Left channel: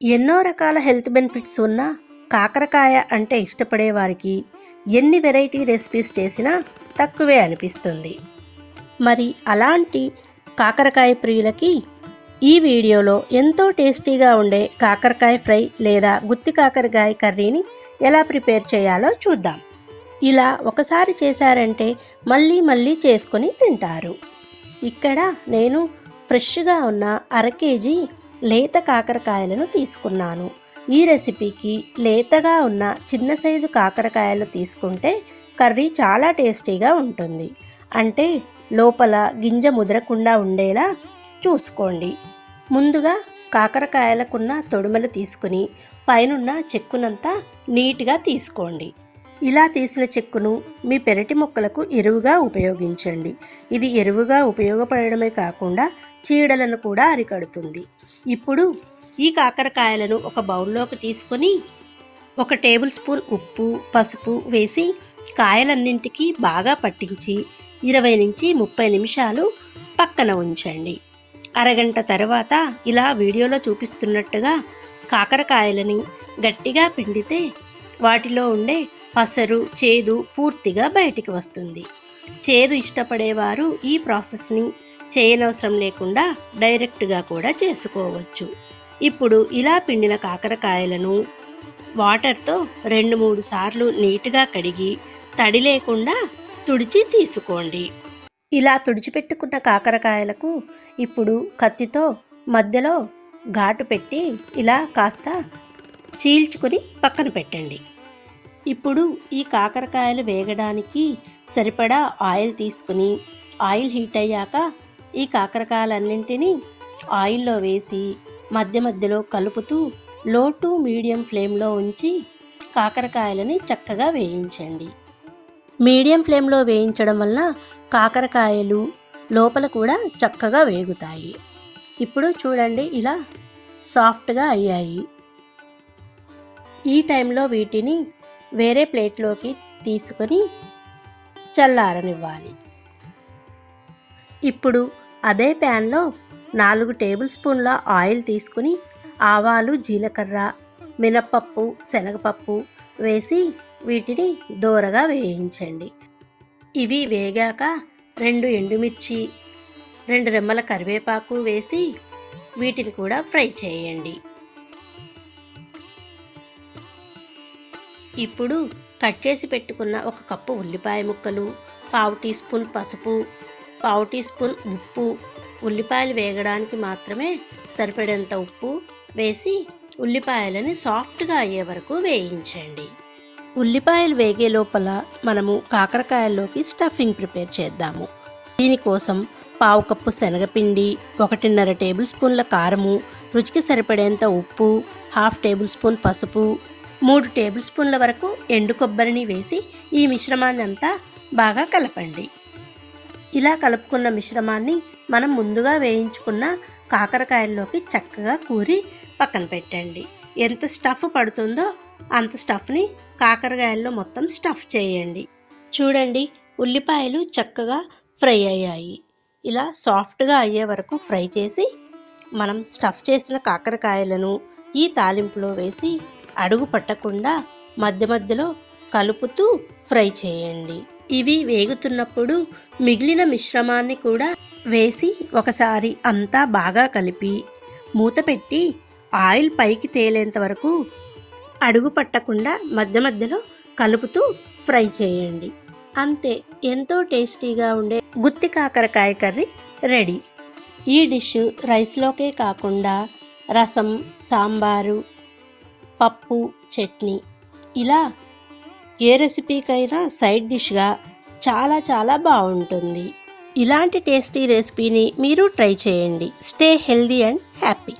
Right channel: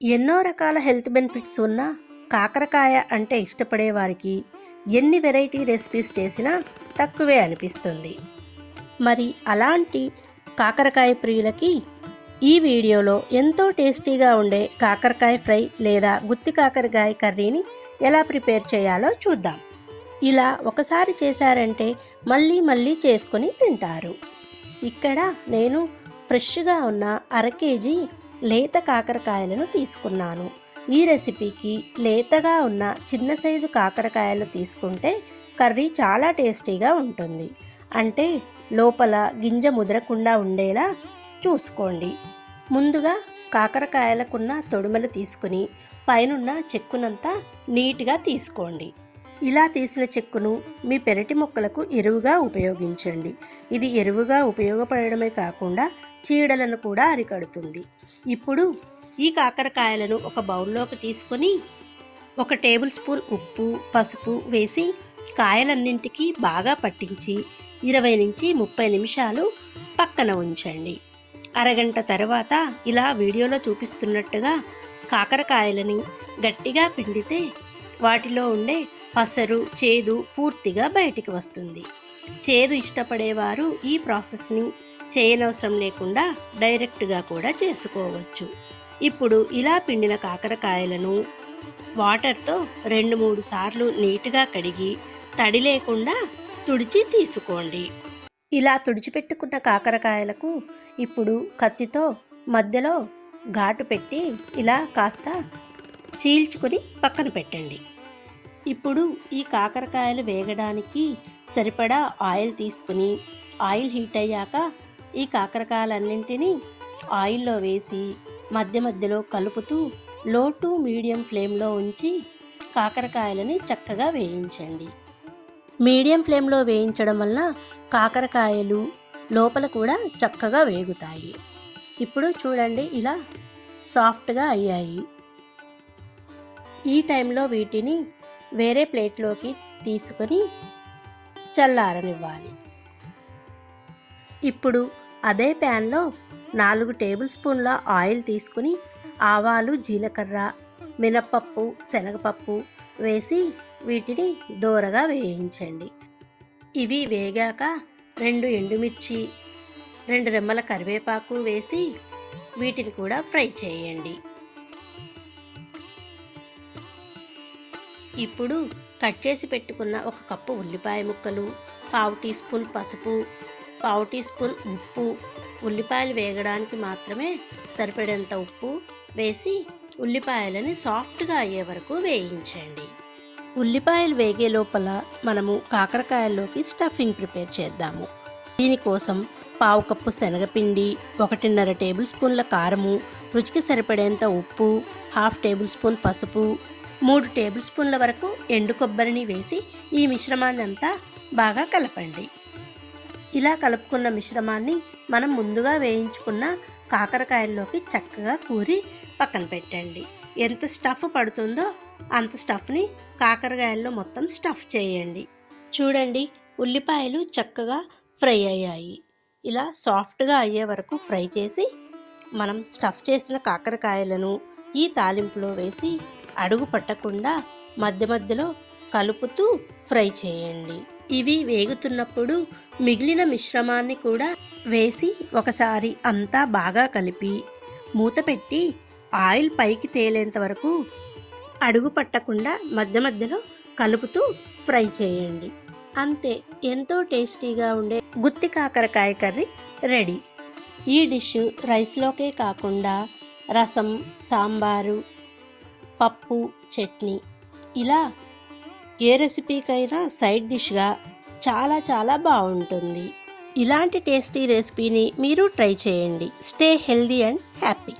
ఎన్నో రకాల health benefits ఉన్న కాకరకాయ అంటే ఇష్టపడే వారికి ఎన్ని వెరైటీ రెసిపీస్ చేసినా తక్కువే అనిపిస్తుంది. మరి అలాంటి కాకరకాయ ప్రియులకి ఈ వీడియోలో ఎంతో టేస్టీగా ఉండే కాకరకాయ ఫ్రై లేదా గుత్తి కాకరకాయ కర్రీని ఎలా ప్రిపేర్ చేయాలో చూద్దాం. ఇలా ఒకసారి చేశారంటే మళ్ళీ మళ్ళీ చేసుకొని తింటారు. ఇక్కడ నేను ఫ్రెష్గా ఉన్న అర కేజీ లేత కాకరకాయలను తీసుకున్నాను. ఈ రెసిపీకి లేతగా ఉన్న చిన్న సైజు కాకరకాయలు తీసుకుంటే కర్రీ చాలా టేస్టీగా ఉంటుంది. అంటే లోపల గింజ ముదరకుండా ఉండేలా చూసుకోండి. ముందుగా కాకరకాయలకున్న తొడుమలు తీసుకుని పైనున్న చెక్కునంతా నీట్గా తీసుకోండి. ఇలా తీసిన చెక్కును మీ పెరటి మొక్కలకు ఎరువుగా ఉపయోగించండి. ఇది ఎరువుగా ఉపయోగపడమే కాకుండా చీడలను కూడా అరికడుతుంది. ఇప్పుడు ఈ కాకరకాయలను ఒక బౌల్లోకి తీసుకొని ఒక టేబుల్ స్పూన్ ఉప్పు పసుపు వేసి కాయలన్నింటికి బాగా పట్టించి ఇరవై నుంచి ముప్పై నిమిషాలు పక్కన ఉంచండి. అరగంట తర్వాత ఇలా వీడియోలో చూపిస్తున్నట్టుగా కాకరకాయలని గట్టిగా పిండితే వాటిలో ఉండే పసరు చేదు పూర్తిగా బయటికి వస్తుంది. చేదు ఇష్టపడేవారు ఈ ప్రాసెస్ని చేయనవసరం లేకుండా డైరెక్ట్గా కూడా చేసుకోవచ్చు. ఇప్పుడు ఇలా పిండిన కాకరకాయలను వాటర్తో రెండు మూడు సార్లు నీట్గా కడిగి తడి లేకుండా తుడిచి తీసుకోండి. ఇలా తుడిచిపెట్టుకున్న కాకరకాయలకు ఇప్పుడు కత్తితో మధ్యలో ఘాటు పెట్టి ఇలా కాస్త చీల్చుకుని పక్కన పెట్టండి. ఇప్పుడు ఈ కాకరకాయలు వేగడానికి సరిపడా ఆయిల్ తీసుకుని ఆయిల్ హీట్ అయ్యాక ఈ కాకరకాయలన్నింటినీ ఆయిల్లో వేసి మధ్య మధ్యలో కలుపుతూ లో టు మీడియం ఫ్లేమ్లో ఉంచి కాకరకాయలని చక్కగా వేయించండి. మీడియం ఫ్లేమ్లో వేయించడం వల్ల కాకరకాయలు లోపల కూడా చక్కగా వేగుతాయి. ఇప్పుడు చూడండి ఇలా సాఫ్ట్గా అయ్యాయి. ఈ టైంలో వీటిని వేరే ప్లేట్లోకి తీసుకొని చల్లారనివ్వాలి. ఇప్పుడు అదే ప్యాన్లో నాలుగు టేబుల్ స్పూన్ల ఆయిల్ తీసుకుని ఆవాలు జీలకర్ర మినప్పప్పు శనగపప్పు వేసి వీటిని దోరగా వేయించండి. ఇవి వేగాక రెండు ఎండుమిర్చి రెండు రెమ్మల కరివేపాకు వేసి వీటిని కూడా ఫ్రై చేయండి. ఇప్పుడు కట్ చేసి పెట్టుకున్న ఒక కప్పు ఉల్లిపాయ ముక్కలు పావు టీ స్పూన్ పసుపు పావు టీ స్పూన్ ఉప్పు. ఉల్లిపాయలు వేగడానికి మాత్రమే సరిపడేంత ఉప్పు వేసి ఉల్లిపాయలని సాఫ్ట్గా అయ్యే వరకు వేయించండి. ఉల్లిపాయలు వేగే లోపల మనము కాకరకాయల్లోకి స్టఫింగ్ ప్రిపేర్ చేద్దాము. దీనికోసం పావు కప్పు శనగపిండి ఒకటిన్నర టేబుల్ స్పూన్ల కారము రుచికి సరిపడేంత ఉప్పు హాఫ్ టేబుల్ స్పూన్ పసుపు మూడు టేబుల్ స్పూన్ల వరకు ఎండు కొబ్బరిని వేసి ఈ మిశ్రమాన్ని అంతా బాగా కలపండి. ఇలా కలుపుకున్న మిశ్రమాన్ని మనం ముందుగా వేయించుకున్న కాకరకాయల్లోకి చక్కగా కూరి పక్కన పెట్టండి. ఎంత స్టఫ్ పడుతుందో అంత స్టఫ్ని కాకరకాయల్లో మొత్తం స్టఫ్ చేయండి. చూడండి ఉల్లిపాయలు చక్కగా ఫ్రై అయ్యాయి. ఇలా సాఫ్ట్గా అయ్యే వరకు ఫ్రై చేసి మనం స్టఫ్ చేసిన కాకరకాయలను ఈ తాలింపులో వేసి అడుగు పట్టకుండా మధ్య మధ్యలో కలుపుతూ ఫ్రై చేయండి. ఇవి వేగుతున్నప్పుడు మిగిలిన మిశ్రమాన్ని కూడా వేసి ఒకసారి అంతా బాగా కలిపి మూత పెట్టి ఆయిల్ పైకి తేలేంత వరకు అడుగు పట్టకుండా మధ్య మధ్యలో కలుపుతూ ఫ్రై చేయండి. అంతే ఎంతో టేస్టీగా ఉండే గుత్తి కాకరకాయ కర్రీ రెడీ. ఈ డిష్ రైస్లోకే కాకుండా రసం సాంబారు పప్పు చట్నీ ఇలా ఏ రెసిపీకైనా సైడ్ డిష్గా చాలా చాలా బాగుంటుంది. ఇలాంటి టేస్టీ రెసిపీని మీరు ట్రై చేయండి. Stay healthy and happy.